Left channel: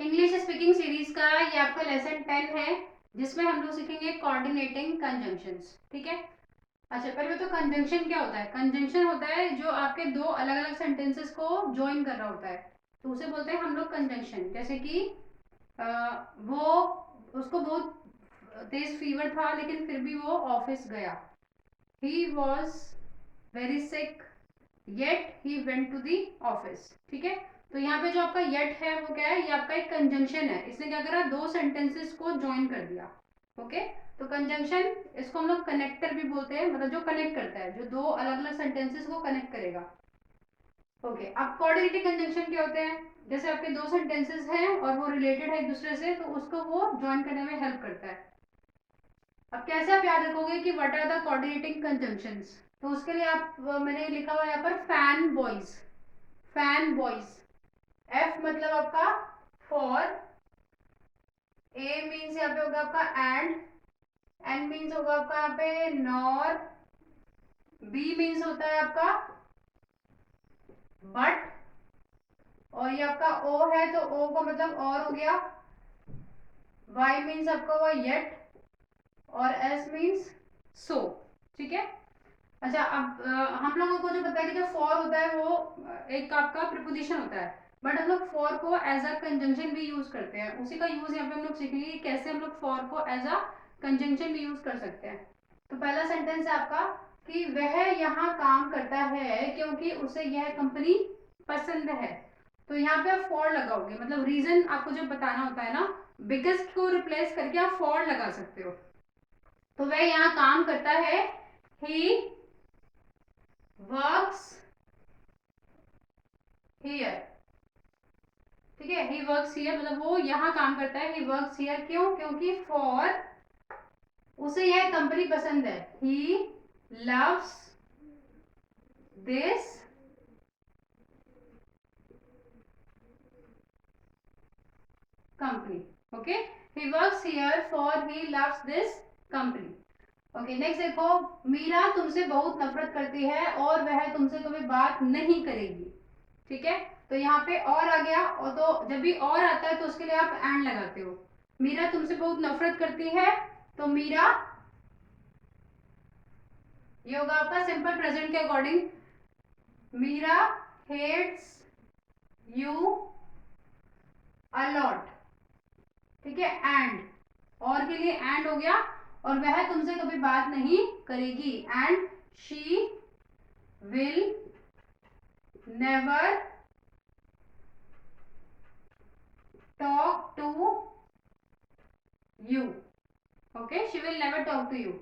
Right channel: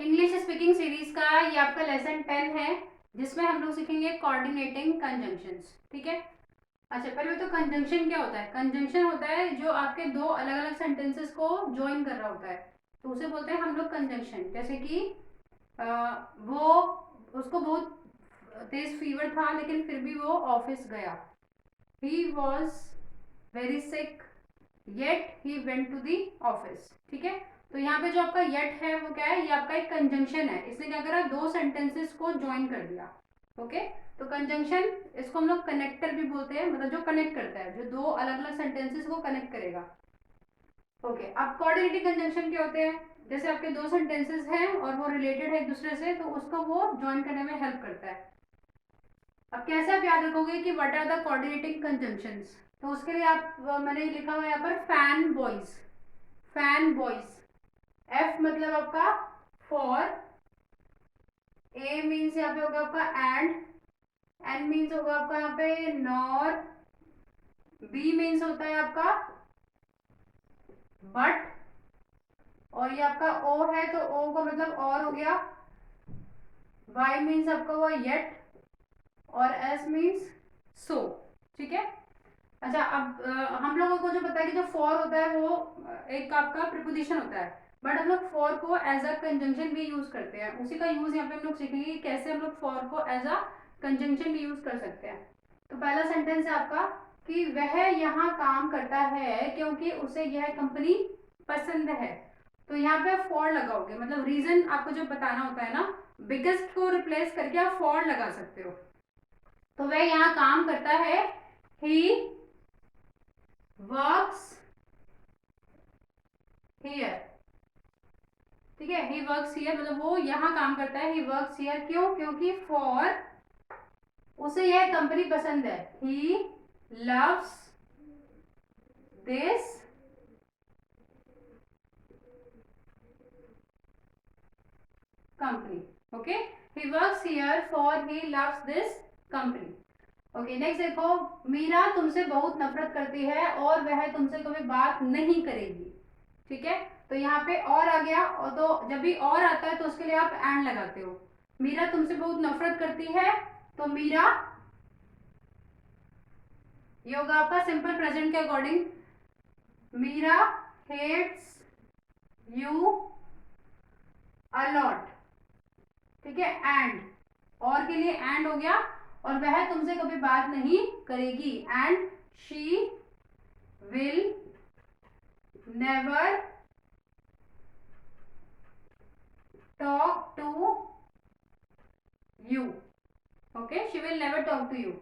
English speaking series का ये आपका लेसन 10 है, जिसमें हम लोग सीखेंगे कोऑर्डिनेटिंग कंजंक्शंस। ठीक है। अच्छा, पहले तो कंजंक्शन क्या होता है। कंजंक्शन होता है जो आपके दो अलग अलग सेंटेंसेस को ज्वाइन कर रहा होता है, तो उसे बोलते हैं हम लोग कंजंक्शन। जैसे कि वो उसको बहुत तेज फीवर था लेकिन फिर भी वो ऑफिस गया। He was very sick yet he went to the office. ठीक है। तो यहाँ पे जो आपका येट है वो क्या है, ये आपका एक कंजंक्शन है। इसने क्या करा, दो सेंटेंसेस को ज्वाइन कर दिया। ओके। तो कंजंक्शन, इसको हम लोग कनेक्टर भी बोलते हैं, मतलब जो कनेक्ट करता है, जो दो अलग अलग सेंटेंसेस को कनेक्ट करेगा। ओके। अब कोऑर्डिनेटिंग कंजंक्शन क्या होते हैं, जैसे आपके दो सेंटेंसेस हैं और वो रिलेटेड है एक दूसरे से, तो उसको वो ज्वाइन करने में हेल्प करता है। अब कैसे आप याद रखोगे कि what are the coordinating conjunctions, तो उसके लिए आप मैंने लिखा हुआ है यहाँ पर fan boys. Fan boys. F मतलब आपका फॉर, ए मीन्स यहाँ पे होगा आपका एंड, एन मीन्स होगा आपका यहाँ पे नॉर, बी मीन्स होता है आपका बट, और ये आपका ओ है तो ओ का मतलब और हो गया, वाई मीन्स आपका हुआ येट, और एस मीन्स सो। ठीक है। अच्छा, अब हम लोगों को जो पता है कि जो फॉर होता है वो एक आपका प्रीपोजिशन होता है, बट हम लोग फॉर को एज अ कंजंक्शन भी यूज करते हैं। उसी का यूज यहाँ पे हम लोग सीखेंगे कि कैसे हम लोग फॉर को एज अ कंजंक्शन भी यूज कर सकते हैं। तो पहला सेंटेंस है आपका कि वह यहाँ काम करता है क्योंकि उसे यह कंपनी पसंद है। तो यहाँ पे आप फॉर लगाओगे, मतलब रीजन आपको जो बताना होता है ना, बिगेस्ट को रिप्लेस करके आप फॉर लगा सकते हो। तो वह यहाँ काम करता है, ही वर्क्स हियर। ठीक है। ही वर्क्स हियर मतलब वो यहाँ काम करता है, ही वर्क्स हियर। क्यों? क्योंकि फॉर उसे यह कंपनी पसंद है, he loves this company. Okay. He works here for he loves this company. Okay, next देखो, मीरा तुमसे बहुत नफरत करती है और वह तुमसे कभी बात नहीं करेगी। ठीक है। तो यहाँ पे और आ गया, और तो जब भी और आता है तो उसके लिए आप एंड लगाते हो। मीरा तुमसे बहुत नफरत करती है, तो मीरा, ये होगा आपका सिंपल प्रेजेंट के according, Meera hates you a lot. ठीक है। एंड, और के लिए एंड हो गया, और वह तुमसे कभी बात नहीं करेगी, and she will never talk to you. Okay, she will never talk to you.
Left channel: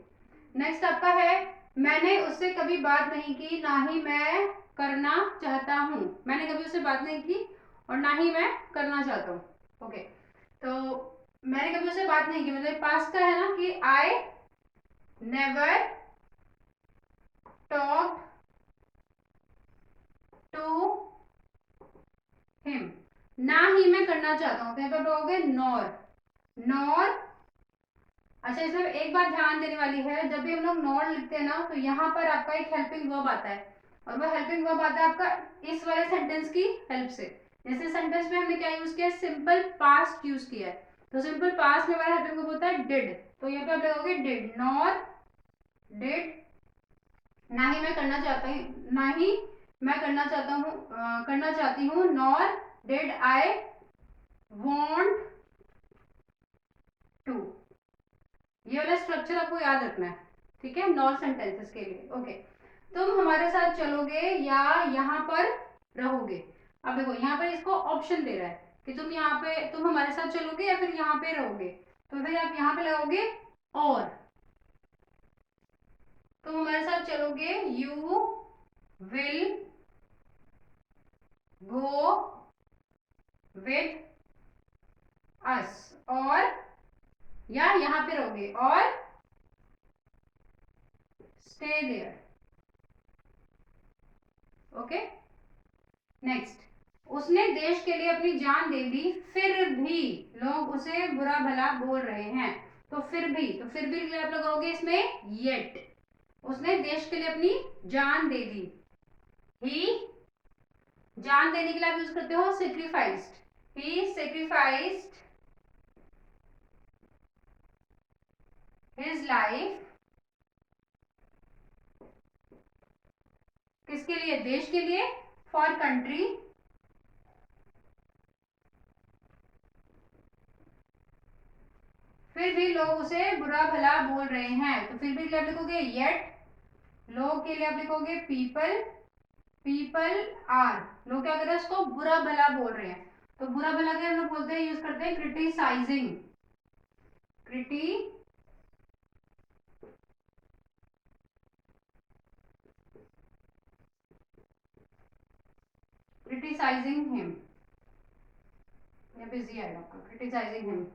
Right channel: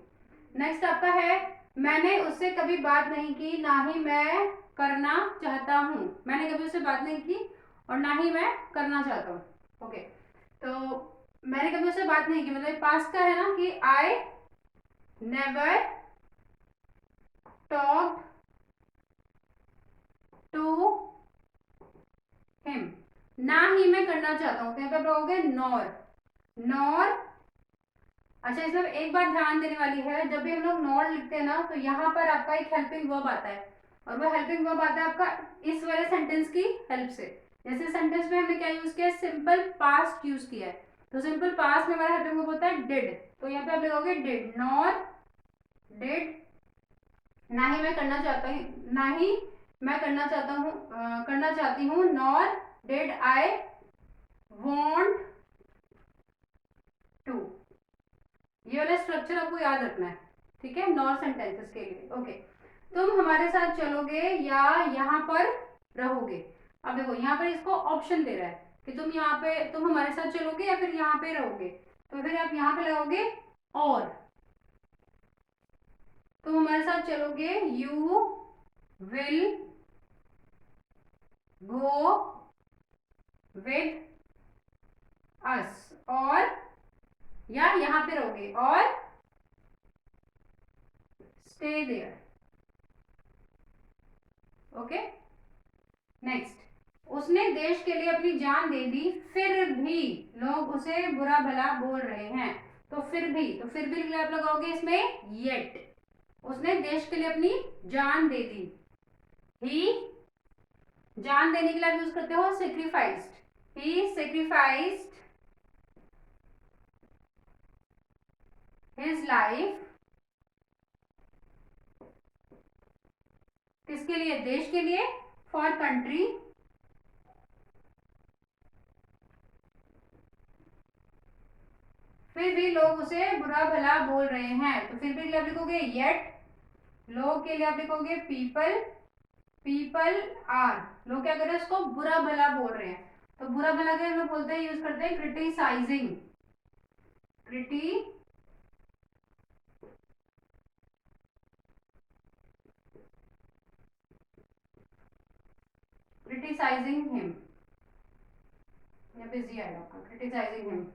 Next आपका है, मैंने उससे कभी बात नहीं की, ना ही मैं करना चाहता हूँ। मैंने कभी उससे बात नहीं की और ना ही मैं करना चाहता हूँ। ओके। तो मैंने कभी उससे बात नहीं की मतलब पास्ट का है ना, कि I never talk to him. ना ही मैं करना चाहता हूँ, तो यहाँ पे बोलोगे नॉर। नॉर। अच्छा, इसमें एक बात ध्यान देने वाली है, जब भी हम लोग नॉट लिखते हैं ना, तो यहाँ पर आपका एक हेल्पिंग वर्ब आता है, और वो हेल्पिंग वर्ब आता है आपका इस वाले सेंटेंस की हेल्प से। जैसे सेंटेंस में हमने क्या यूज किया, सिंपल पास्ट यूज किया है, तो सिंपल पास्ट में हमारा हेल्पिंग वर्ब होता है डिड। तो यहाँ पे आप लगाओगे डिड, नॉर डिड। ना ही मैं करना चाहता हूँ, ना ही मैं करना चाहता हूँ, करना चाहती हूँ, nor did I want to. ये वाला स्ट्रक्चर आपको याद रखना है। ठीक है, नॉन सेंटेंसेस के लिए। ओके। तुम हमारे साथ चलोगे या यहाँ पर रहोगे। अब देखो यहाँ पर इसको ऑप्शन दे रहा है कि तुम हमारे साथ चलोगे या फिर यहाँ पे रहोगे, तो फिर आप यहाँ पे लगाओगे और। तुम हमारे साथ चलोगे, you will go with us, और या यहाँ पे रहोगे और स्टे देयर। ओके। नेक्स्ट, उसने देश के लिए अपनी जान दे दी, फिर भी लोग उसे बुरा भला बोल रहे हैं। तो फिर भी, तो फिर भी आप लगाओगे इसमें येट। उसने देश के लिए अपनी जान दे दी, ही, जान देने के लिए आप यूज करते हो sacrificed, he sacrificed his life किसके लिए, देश के लिए, फॉर कंट्री, फिर भी लोग उसे बुरा भला बोल रहे हैं, तो फिर भी के लिए आप लिखोगे येट, लोग के लिए आप लिखोगे पीपल, पीपल आर, लोग क्या कर रहे हैं, उसको बुरा भला बोल रहे हैं, तो बुरा भला क्या हम लोग बोलते हैं, यूज करते हैं क्रिटिसाइजिंग, क्रिटिसाइजिंग हिम, यहाँ पे जी आएगा आपका, criticising him,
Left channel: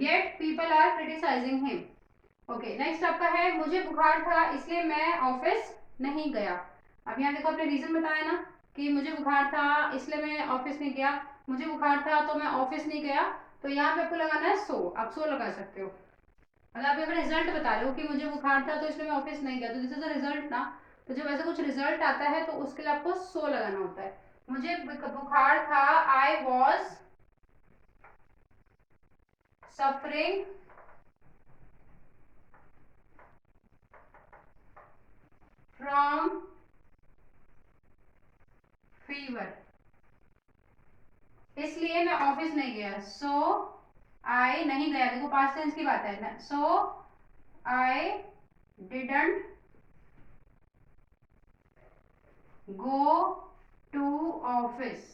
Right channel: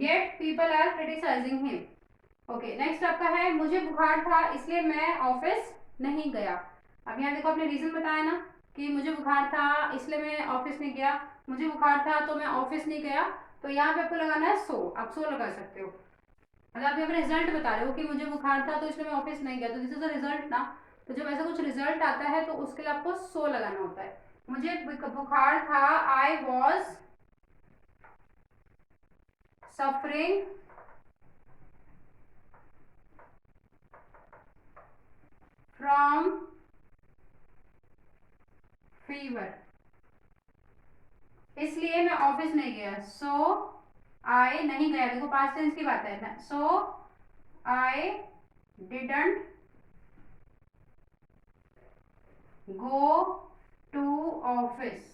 yet people are criticising him. Okay, next आपका है मुझे बुखार था इसलिए मैं ऑफिस नहीं गया। अब यहाँ देखो आपने रीजन बताया ना कि मुझे बुखार था इसलिए मैं ऑफिस नहीं गया, मुझे बुखार था तो मैं ऑफिस नहीं गया, तो यहाँ पे आपको लगाना है सो, आप सो लगा सकते हो। अगर आप अपना रिजल्ट बता रहे हो कि मुझे बुखार था तो इसलिए मैं ऑफिस नहीं गया, तो दिस इज द रिजल्ट ना, तो जब ऐसा कुछ रिजल्ट आता है तो उसके लिए आपको सो लगाना होता है। मुझे बुखार था, I was suffering from fever, इसलिए मैं ऑफिस नहीं गया, सो आई नहीं गया, देखो पास्ट टेंस की बात है ना, so I didn't go to office,